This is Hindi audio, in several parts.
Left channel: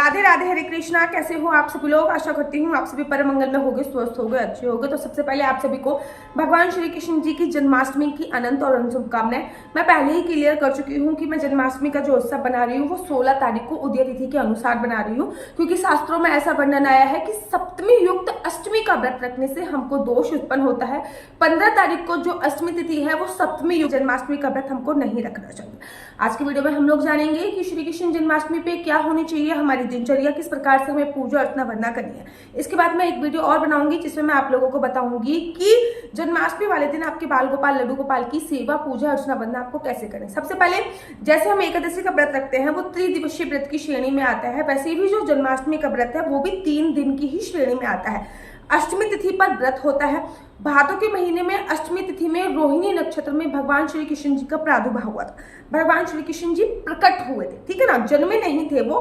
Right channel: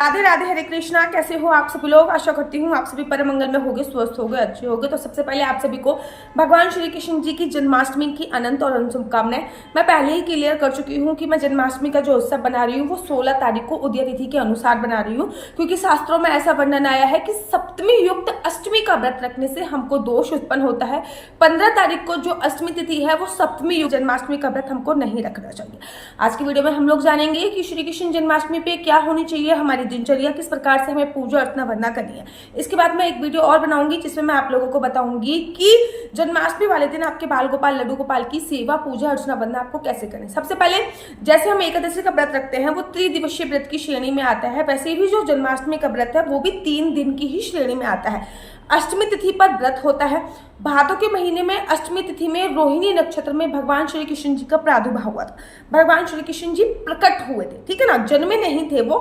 राधे राधे, हरे कृष्णा। कैसे हो आप सभी लोग? आशा करती हूँ आप सभी परम मंगल में होगे, स्वस्थ होगे, अच्छे होगे। तो सबसे पहले आप सभी को भगवान श्री कृष्ण जी की जन्माष्टमी की अनंत और अनंत शुभकामनाएं। मैं पहले ही क्लियर कर चुकी हूँ कि मैं जन्माष्टमी का जो उत्सव बना रही हूँ वो 16 तारीख को उदय तिथि के अनुसार बना रही हूँ, क्योंकि शास्त्रों में ऐसा वर्णन आया है कि सप्तमी युक्त अष्टमी का व्रत रखने से हमको दोष उत्पन्न होता है। 15 तारीख को जो अष्टमी तिथि है वो सप्तमी युक्त जन्माष्टमी का व्रत हमको नहीं रखना चाहिए। आज की वीडियो में हम लोग जानेंगे कि श्री कृष्ण जन्माष्टमी पे क्या होनी चाहिए, हमारी दिनचर्या किस प्रकार से हमें पूजा अर्चना वंदना करनी है। इसके बाद मैं एक वीडियो और बनाऊंगी जिसमें मैं आप लोगों को बताऊंगी कि जन्माष्टमी वाले दिन आपके बाल गोपाल लड्डू गोपाल की सेवा पूजा अर्चना वंदना आपको कैसे करें। सबसे पहले जैसे हम एकादशी का व्रत रखते हैं वो त्रिदिवसीय व्रत की श्रेणी में आता है, वैसे भी जो जन्माष्टमी का व्रत है वो भी 3 दिन की ही श्रेणी में आता है। अष्टमी तिथि पर व्रत होता है। भादों के महीने में अष्टमी तिथि में रोहिणी नक्षत्र में भगवान श्री कृष्ण जी का प्रादुर्भाव हुआ था। भगवान श्री कृष्ण जी प्रकट हुए थे, ठीक है ना, जन्मे नहीं थे वो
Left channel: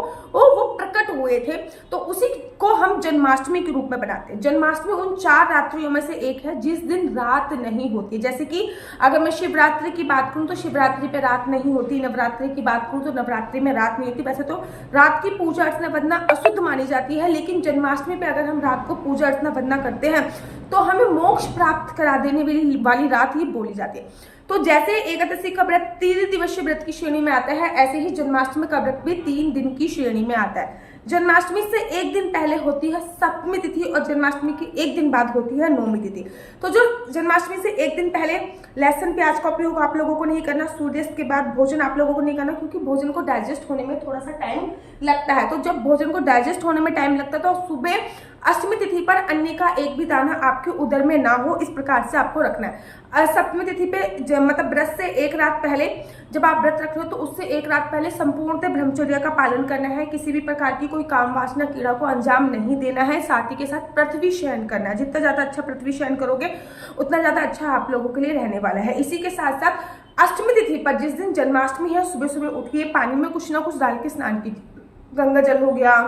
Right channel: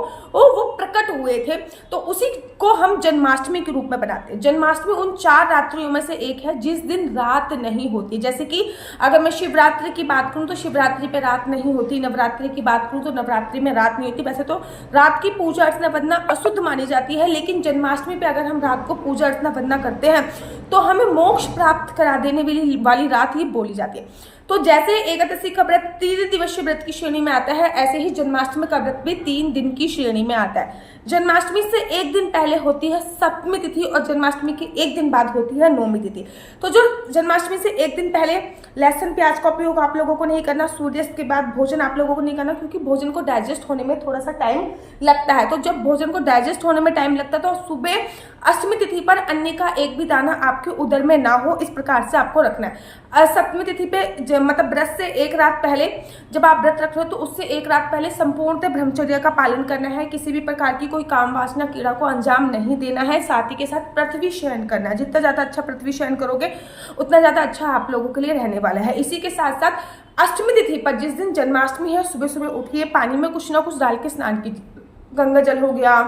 प्रकट हुए थे। तो उसी को हम जन्माष्टमी के रूप में बनाते हैं। जन्माष्टमी उन 4 रात्रियों में से एक है जिस दिन रात नहीं होती। जैसे कि अगर मैं शिवरात्रि की बात करूं तो शिवरात्रि पे रात नहीं होती, नवरात्रि की बात करूं तो नवरात्रि में रात नहीं होती। वैसे तो रात की पूजा अर्चना वंदना अशुद्ध मानी जाती है, लेकिन जन्माष्टमी पे अगर हम रात को पूजा अर्चना वंदना करते हैं तो हमें मोक्ष प्राप्त करा देने वाली रात ही बोली जाती है। तो जैसे एकादशी का व्रत 3 दिवसीय व्रत की श्रेणी में आता है, ऐसे ही जन्माष्टमी का व्रत भी 3 दिन की श्रेणी में आता है। जन्माष्टमी से एक दिन पहले होती है सप्तमी तिथि और जन्माष्टमी के एक दिन बाद होती है नौमी तिथि। तो जो जन्माष्टमी से एक दिन पहले लहसुन प्याज का उपयोग आप लोगों को नहीं करना। सूर्यास्त के बाद भोजन आप लोगों को नहीं करना, क्योंकि भोजन को डाइजेस्ट होने में थोड़ा सा टाइम लगता है। तो जब भोजन को डाइजेस्ट होने में टाइम लगता है तो सुबह अष्टमी तिथि पर अन्न का एक भी दाना आपके उदर में ना हो, इस प्रकार से आपको रखना है। सप्तमी तिथि पे मतलब व्रत से एक रात पहले जब आप व्रत रख रहे हो तो उससे एक रात पहले संपूर्णतः ब्रह्मचर्य का पालन करना है। किसी भी प्रकार की कोई काम वासना क्रीड़ा को अंजाम नहीं देना है। साथ ही के साथ पृथ्वी शयन करना है। जितना ज्यादा अच्छा पृथ्वी शयन करोगे उतना ज्यादा अच्छा आप लोगों के लिए रहने वाला है। इसी के साथ साथ अष्टमी तिथि पर जिस दिन जन्माष्टमी है सुबह सुबह उठिए, पानी में कुछ ना कुछ डाल के स्नान कीजिए। गंगा जल हो गया,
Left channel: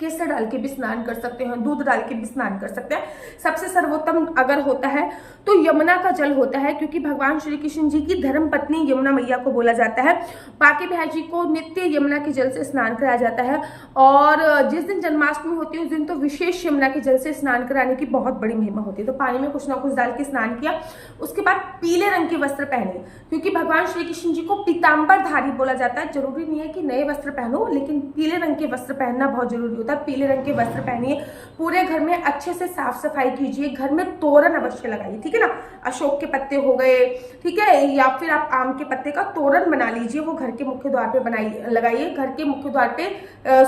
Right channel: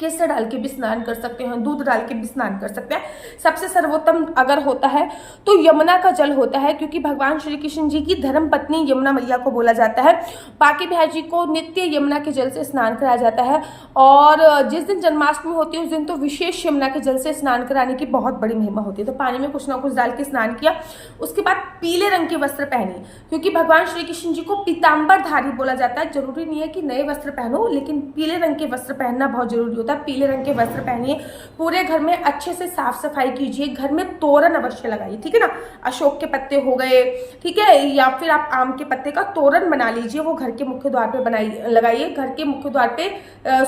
केसर डाल के भी स्नान कर सकते हैं, दूध डाल के भी स्नान कर सकते हैं। सबसे सर्वोत्तम अगर होता है तो यमुना का जल होता है, क्योंकि भगवान श्री कृष्ण जी की धर्म पत्नी यमुना मैया को बोला जाता है। बाकी बिहारी जी को नित्य यमुना के जल से स्नान कराया जाता है। और जिस दिन जन्माष्टमी होती है उस दिन तो विशेष यमुना के जल से स्नान कराने की बहुत बड़ी महिमा होती है। तो पानी में कुछ ना कुछ डाल के स्नान किया, उसके बाद पीले रंग के वस्त्र पहने, क्योंकि भगवान श्री कृष्ण जी को पीताम्बरधारी बोला जाता है। जरूरी नहीं है कि नए वस्त्र पहनो, लेकिन पीले रंग के वस्त्र पहनना बहुत जरूरी होता है। पीले रंग के वस्त्र पहनिए, पूरे घर में अच्छे से साफ सफाई कीजिए, घर में तोरण अवश्य लगाइए, ठीक है ना। अशोक के पत्ते हो गए, ठीक है, या फिर आप आम के पत्ते का तोरण बना लीजिए, वो घर के मुख्य द्वार पे लगाइए। घर के मुख्य द्वार पे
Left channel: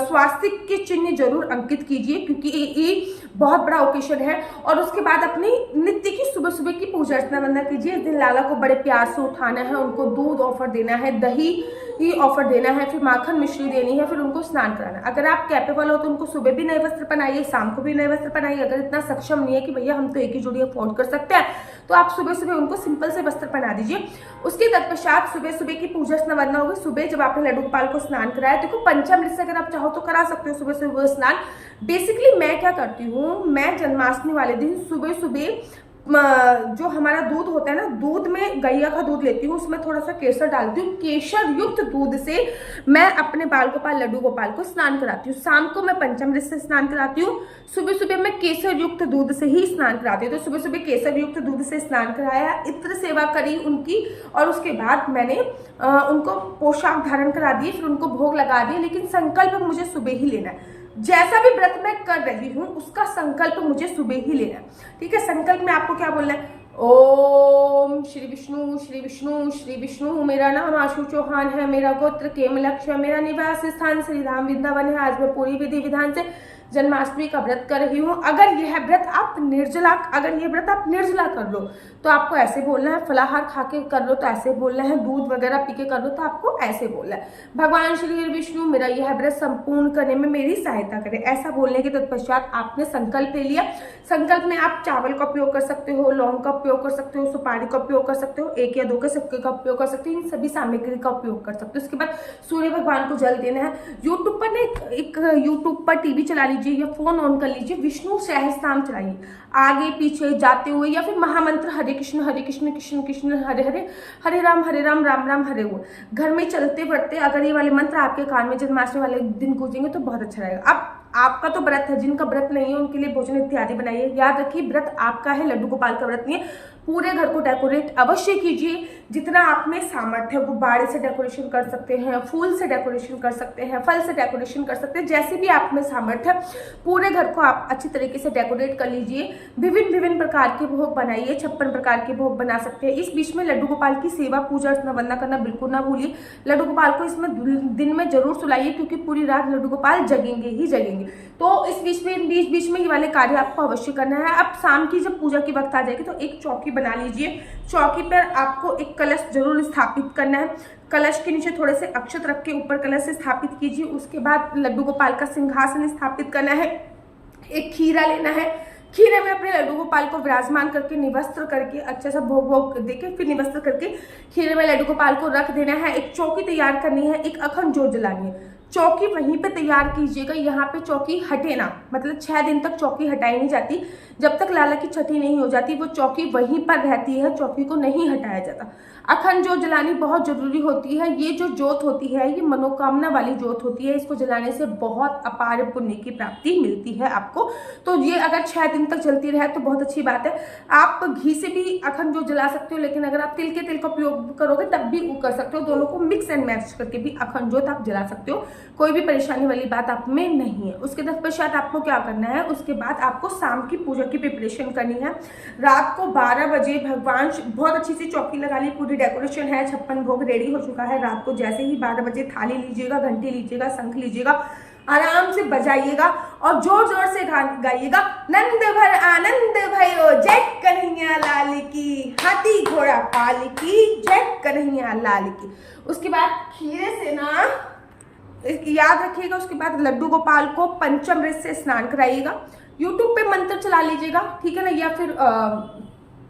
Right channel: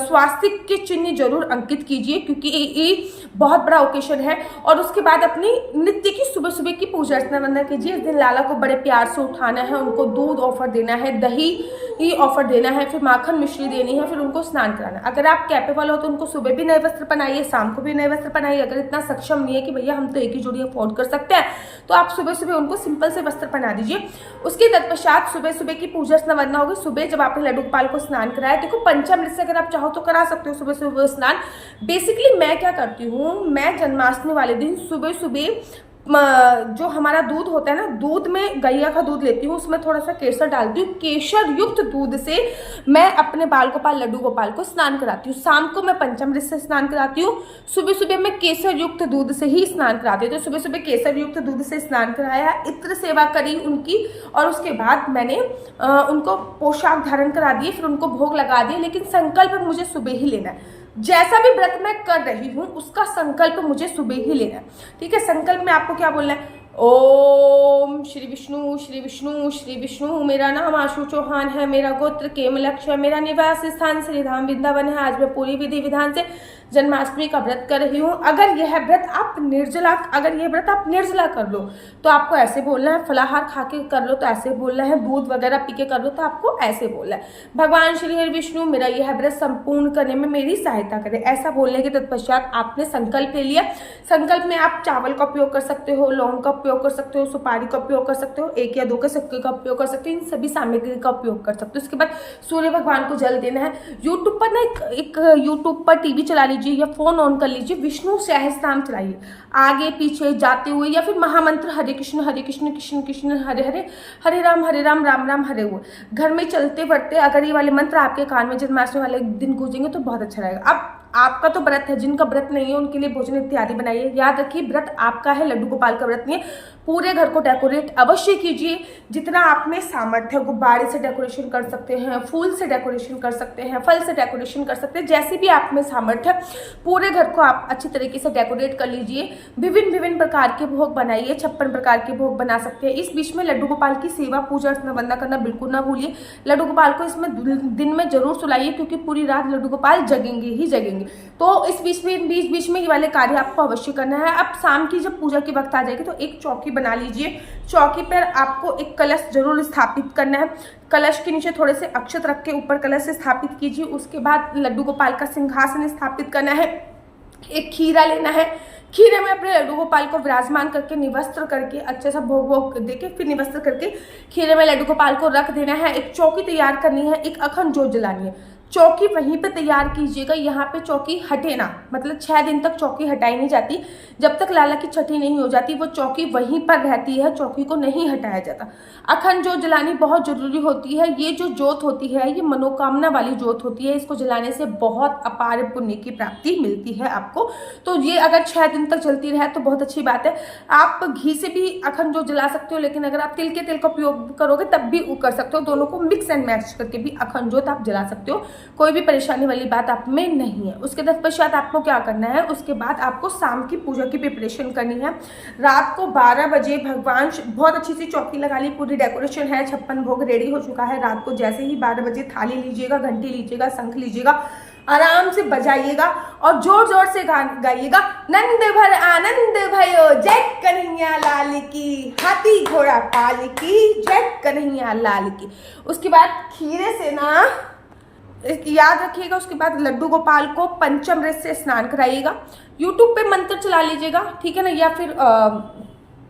स्वास्तिक के चिन्ह जरूर अंकित कीजिए, क्योंकि ये बहुत बड़ा ओकेशन है। और उसके बाद अपनी नित्य की सुबह सुबह की पूजा अर्चना वंदना कीजिए। इस दिन लाला को बड़े प्यार से उठाना है, उनको दूध ऑफर देना है, दही ही ऑफर देना है, फिर माखन मिश्री देनी है, फिर उनको स्नान कराना। अगर आप कैपेबल हो तो उनको सुबह भी नए वस्त्र पहनाइए, शाम को भी नए वस्त्र पहनाइए। अगर इतना सक्षम नहीं है कि भैया हम तो एक ही जोड़ी अफोर्ड कर सकते हैं, तो आप सुबह सुबह उनको सिंपल से वस्त्र पहना दीजिए। उसके तत्पश्चात सुबह सुबह की पूजा अर्चना वंदना होगी। सुबह जब आपने लड्डू गोपाल को स्नान कराया, देखो पंचामृत से अगर आप चाहो तो करा सकते हो सुबह सुबह स्नान। बेसिकली मैं क्या करती हूँ, मैं जन्माष्टमी वाले दिन सुबह सुबह जो हमारा दूध होता है ना, दूध में गैया का दूध लेती हूँ, उसमें थोड़ा सा केसर डालती हूँ। केसर युक्त दूध से मैं अपने बाल गोपाल लड्डू गोपाल को स्नान कराती हूँ। शाम को मैं पंचामृत से स्नान कराती हूँ, सुबह सुबह मैं केसर युक्त दूध से ही स्नान कराती हूँ। तो सुबह सुबह केसर युक्त दूध से स्नान कराया, इत्र सेवा करी उनकी, और उसके बाद मैंने उनको पोशाक धारण करा दिए, फिर उनको भोग लगा दिया। लेकिन संकल्प मुझे सुबह ही लेना है। जैसा भी व्रत मैं कर रही हूं उसका संकल्प मुझे सुबह ही लेना है, ठीक है। संकल्प में आपको क्या बोलना है, ओम श्री विष्णु श्री विष्णु श्री विष्णु। मेरा नाम आशु चौहान है, मेरा गोत्र केमलक्ष है, मेरा निवास स्थान श्रीधाम वृंदावन है। आज मैं पूरी विधि विधान से जन्माष्टमी का व्रत कर रही हूँ। अगर यह व्रत आप निर्जला कर लो तो आपको ऐसे बोलना है, फलाहार खा के कर लो तो ऐसे बोलना है, दूध वगैरह पी के कर लो तो आपको ऐसे बोलना है, भगवान श्री हरि विष्णु मेरा यह व्रत संपूर्ण करने में मेरी सहायता करे। ऐसा बोलने के तत्पश्चात आपने संकल्प ले लिया। संकल्प में आप चावल का उपयोग कर सकते हो, लौंग का उपयोग कर सकते हो, सुपारी का उपयोग कर सकते हो, 1 या 2 के सिक्के का उपयोग कर सकते हो, इन सभी सामग्री का उपयोग कर सकते हो। उसके बाद सूर्य भगवान को जल देना है। यूट्यूब पर ना एक यूट्यूब पर टीवी चला लीजिए या फोन ऑन कर लीजिए, विष्णु सहस्त्रनाम चलाइए, आगे पीछे जाते हुए, या फिर महामंत्र हरे कृष्ण कृष्ण कृष्ण हरे हरे, हरे राम राम राम हरे हुए, घर में चलते बढ़ते अगर ये वाले मंत्र आपके कान में जन्माष्टमी वाले दिन गूंजेंगे तो बहुत अच्छा रहेगा। अब आपका तो व्रत है, जिनका व्रत नहीं है उनके लिए भोजन इत्यादि बनाइए। याद रखिए व्रत आपका है, लड्डू गोपाल का व्रत नहीं है। पूरे घर को डेकोरेट अवश्य कीजिए, जितना आप में सामर्थ्य है। गुब्बारे से डेकोरेशन कर सकते हैं, फूल से डेकोरेशन कर सकते हैं, फल से डेकोरेशन कर सकते हैं, जैसे भी आप में सामर्थ्य है पूरे घर को आप अच्छी तरीके से डेकोरेट कर लीजिए। विभिन्न प्रकार के भोग बनाइए, 56 प्रकार के भोग बना सकते हैं। इस बीच में लड्डू गोपाल की सेवा पूजा अर्चना वंदना करना बिल्कुल ना भूलिए। लड्डू गोपाल को इसमें दिन में जरूर सुलाइए, क्योंकि पूरी रात लड्डू गोपाल जगेंगे ही जगेंगे। तो इस बीच में ये वाले कार्य आपको अवश्य करना है। अब शाम की जब पूजा की वक्त आ जाएगी तो एक चौकी बना लीजिए। चौकी पर आपको एक कलश जरूर स्थापित करना है। कलश के नीचे थोड़े से अक्षत रख के ऊपर कलश स्थापित कीजिए। उसके बाद लड्डू गोपाल का सिंहासन स्थापित करना है। एक खीरा लेना है, खीरे में अपने लड्डू गोपाल को विराजमान करके निवस्त्र करके अच्छे सा भोग देके फिर निवस्त्र करके खीरे में लड्डू गोपाल को रख देना है। एक चौकी तैयार करनी है, एक अखंड जोत जलानी है। चौकी वहीं पे तैयार कीजिएगा, यहाँ पे चौकी हटे ना, मतलब 6 दिन तक चौकी हटाई नहीं जाती। जब तक लाला की छठी नहीं हो जाती वो चौकी वहीं पर रहती है, चौकी को नहीं हटाया जाता। अखंड जोत जलानी बहुत जरूरी होती है। ये जो जोत होती है ये मनोकामना वाली जोत होती है, इसको जलाने से बहुत अपार पुण्य की प्राप्ति मिलती है आपको। तो ये अगर 6 दिन तक जलती रहे तो बहुत अच्छी बात है। आप घी से भी अखंड जोत जला सकते हो, लेकिन अगर आप तिल का उपयोग करोगे तब भी कर सकते हो। दोनों को मिक्स एंड मैच करके भी अखंड जोत आप जला सकते हो, कोई भी परेशानी वाली बात आप में नहीं है। उसके तत्पश्चात आपको क्या करना है, उसके बाद आपको शाम की पूजा की प्रिपरेशन करनी है। रात को 12 बजे भगवान, बहुत अच्छी सी चौकी लगा ली, पूरी डेकोरेशन है, 56 भोग रेडी हो चुका है। रात को जैसे ही 12 बजे थाली लीजिएगा, घंटी लीजिएगा, शंख लीजिएगा, आराम से बजाइएगा और जोर जोर से गाइएगा, नंद भर आनंद भयो जय कन्हैया लाल की, हाथी घोड़ा पाल की जय कन्हैया लाल की। उसके बाद खीरे से ना याद रखिएगा, उसके बाद लड्डू गोपाल को पंचामृत से स्नान कराइएगा। यूट्यूब पे मंत्र चला लीजिएगा, ठीक है ना, या फिर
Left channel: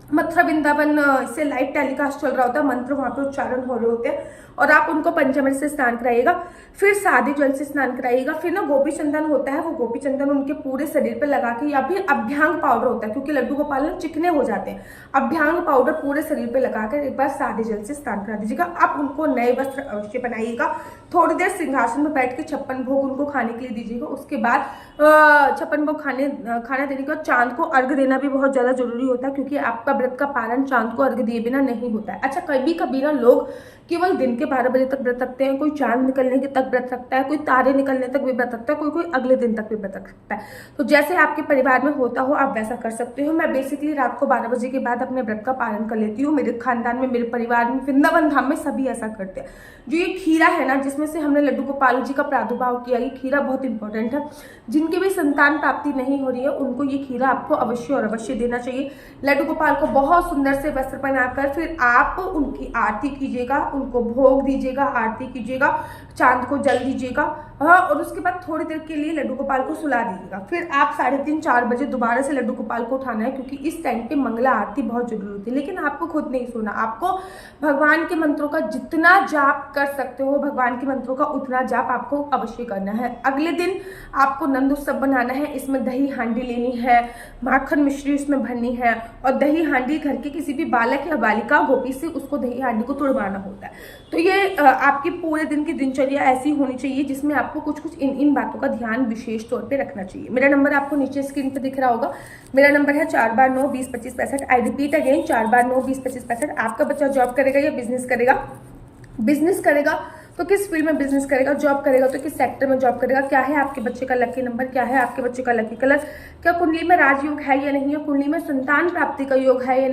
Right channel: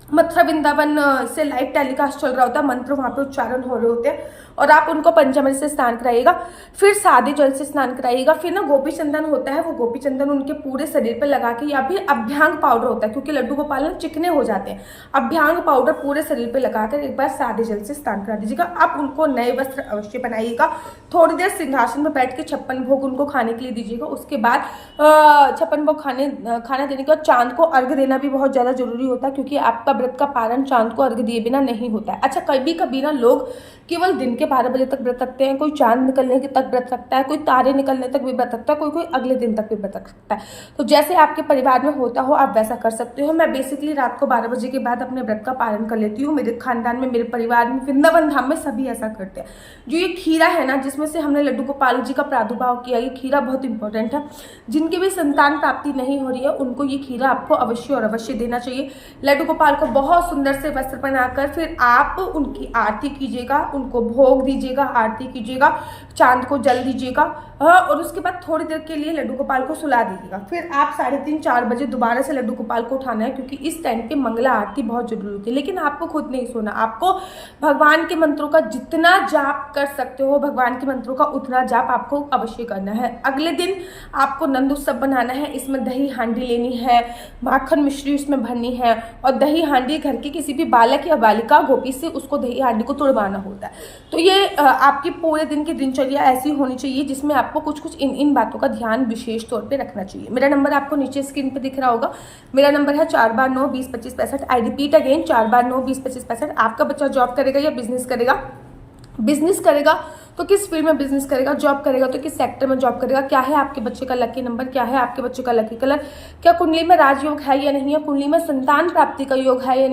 मथुरा वृंदावन से लाइव टेलीकास्ट चल रहा होता है, मंत्र वहाँ पे उच्चारण हो रहे होते हैं, और आप उनको पंचामृत से स्नान कराइएगा। फिर सादे जल से स्नान कराइएगा। फिर ना गोपी चंदन होता है, वो गोपी चंदन उनके पूरे शरीर पे लगा के, या फिर अभ्यांग पाउडर होता है, क्योंकि लड्डू गोपाल ना चिकने हो जाते हैं, अभ्यांग पाउडर पूरे शरीर पे लगाकर एक बार सादे जल से स्नान करा दीजिएगा। आप उनको नए वस्त्र अवश्य बनाइएगा। थोड़ी देर सिंहासन में बैठ के 56 भोग उनको खाने के लिए दीजिएगा। उसके बाद 56 भोग खाना देने के बाद चांद को अर्घ देना भी बहुत ज़्यादा जरूरी होता है, क्योंकि आपका व्रत का पारण चांद को अर्घ दिए बिना नहीं होता है। अच्छा, कभी ना लोग केवल दिन के 12 बजे तक व्रत रखते हैं, कोई चांद निकलने के तक व्रत रखता है, कोई तारे निकलने तक भी व्रत रखता है, कोई अगले दिन तक भी व्रत रखता है। तो जैसे आपके परिवार में होता हो आप वैसा कर सकते हो। मैं बेसिकली रात को 12 बजे के बाद अपने व्रत का पालन कर लेती हूँ। मेरे खानदान में, मेरे परिवार में, वृंदावन धाम में सभी ऐसा करते हैं। जो ये खीरा है ना, जिसमें से हमने लड्डू गोपाल जी का प्रादुर्भाव किया, ये खीरा बहुत इंपॉर्टेंट है। जिनकी भी संतान प्राप्ति नहीं हो रही है उनको ये खीरा आपको अवश्य और अवश्य देना चाहिए। लड्डू गोपाल को बहुत सुंदर से वस्त्र पहनाकर फिर आप उनकी आरती कीजिएगा, उनको भोग दीजिएगा, आरती कीजिएगा, चांद को जल दीजिएगा, और उसके बाद थोड़ी देर के लिए लड्डू गोपाल को सुला दीजिएगा। फिर आप 3:30-4 बजे दोबारा से लड्डू गोपाल को उठाना है, क्योंकि इस टाइम पे मंगला आरती बहुत जरूरी होती है। लेकिन आपको खुद नहीं सोना, आपको भगवान के मंत्रों का जितना जाप कर सकते हो, भगवान के मंत्रों का उतना जाप आपको अवश्य करना है। अगले दिन आपको नंद उत्सव बनाना है। इसमें दही हांडी लेनी है, माखन मिश्री उसमें भरनी है, और दही हांडी घर के किसी भी बालक या बालिका गोपी से उसको दही हांडी को तुड़वाना होता है। तो ये आपकी पूरे दिन की दिनचर्या ऐसी होनी चाहिए जिसमें आपको कुछ इन बातों का ध्यान विशेष तौर पे रखना चाहिए। मेरा नंबर आपको नीचे स्क्रीन पे दिख रहा होगा। मेरा नंबर है 4/9-20-25-65। I repeat again, 4/9-20-25-65। आपका बच्चा जॉब करेगा या बिजनेस करेगा तो किस फील्ड में बिजनेस करेगा, जॉब करेगा तो किस सेक्टर में जॉब करेगा, क्या है आपके बच्चे का लकी नंबर, क्या है आपके बच्चे का लकी कलर, क्या कुंडली में राजयोग है या नहीं है, कुंडली में संतान प्राप्ति का योग है या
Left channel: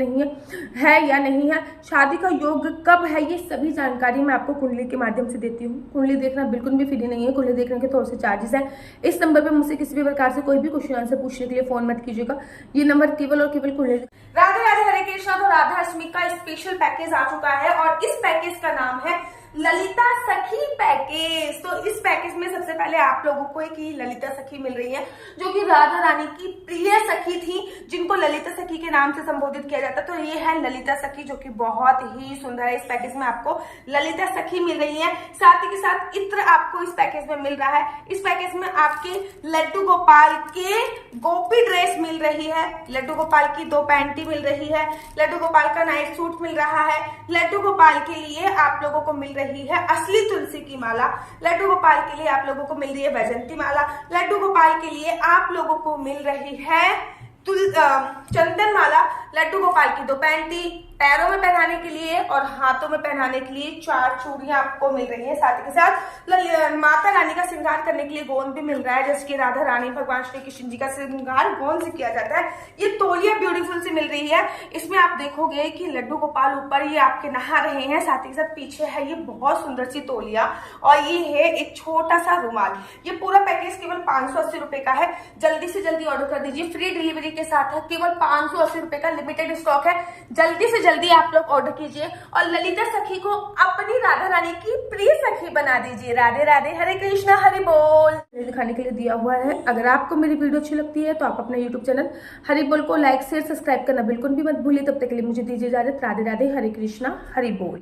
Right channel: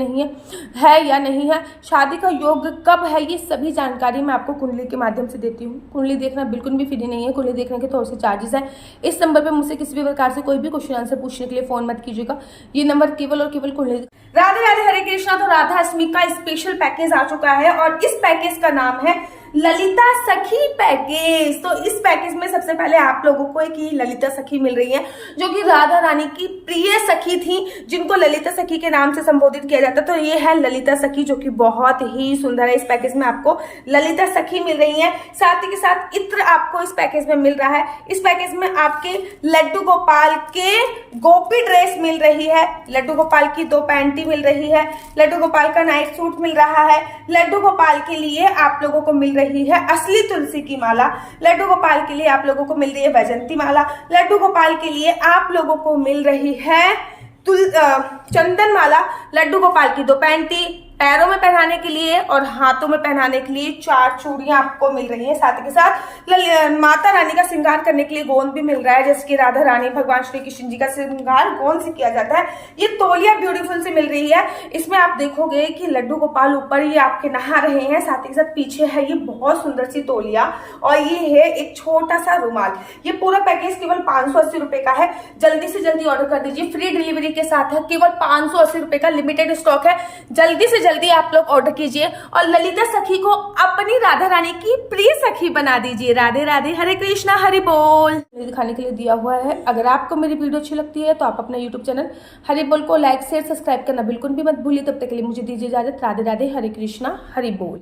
नहीं है, शादी का योग कब है, ये सभी जानकारी मैं आपको कुंडली के माध्यम से देती हूँ। कुंडली देखना बिल्कुल भी फ्री नहीं है, कुंडली देखने के थोड़े से चार्जेस हैं। इस नंबर पर मुझसे किसी भी प्रकार से कोई भी क्वेश्चन आंसर पूछने के लिए फोन मत कीजिएगा। ये नंबर केवल और केवल कुंडली। राधे राधे, हरे कृष्णा। तो राधा अष्टमी का स्पेशल पैकेज आ चुका है और इस पैकेज का नाम है ललिता सखी पैकेज। तो इस पैकेज में सबसे पहले आप लोगों को एक ही ललिता सखी मिल रही है, जो कि राधा रानी की प्रिय सखी थी, जिनको ललिता सखी के नाम से संबोधित किया जाता। तो ये है ललिता सखी, जो कि बहुत ही सुंदर है। इस पैकेज में आपको ललिता सखी मिल रही है, साथ ही के साथ इत्र आपको इस पैकेज में मिल रहा है। इस पैकेज में आपके लड्डू गोपाल के गोपी ड्रेस मिल रही है, लड्डू गोपाल की 2 पैंटी मिल रही है, लड्डू गोपाल का नाइट सूट मिल रहा है, लड्डू गोपाल के लिए आप लोगों को मिल रही है असली तुलसी की माला, लड्डू गोपाल के लिए आप लोगों को मिल रही है वैजंती माला, लड्डू गोपाल के लिए आप लोगों को मिल रही है चंदन माला, लड्डू गोपाल की 2 पैंटी, पैरों में पहनाने के लिए और हाथों में पहनाने के लिए 4 चूड़ियां आपको मिल रही है। साथ ही साथ माता रानी का श्रृंगार करने के लिए गोंद भी मिल रहा है, जैसे कि राधा रानी भगवान श्री कृष्ण जी का श्रृंगार गोंद से किया जाता है। ये तौलिया ब्यूटीफुल से मिल रही है। इसमें आप देखोगे कि लड्डू गोपाल ऊपर ये आपके नहा रहे हैं, साथ ही साथ पीछे है ये बहुत सुंदर सी तौलिया और ये है एक छोटा सा रुमाल। ये पूरा पैकेज केवल 580 रुपए का है। जल्दी से जल्दी ऑर्डर कर दीजिए, फ्री डिलीवरी के साथ है। केवल 580 रुपए का लिमिटेड स्टॉक है। जल्दी से जल्दी आप लोग ऑर्डर कीजिए और ललिता सखी को अपनी राधा रानी की प्रिय सखी बना दीजिए। राधे राधे, हरे कृष्णा, हरि बोल। दिखाने के लिए दिया हुआ है। अगर आपको मेरी वीडियो अच्छी लगती है तो आप अपना यूट्यूब चैनल हरि बोल को लाइक शेयर सब्सक्राइब करना बिल्कुल भी मत भूलिए। तब तक के लिए मुझे दीजिए इजाजत। राधे राधे, हरे कृष्णा, हरि बोल।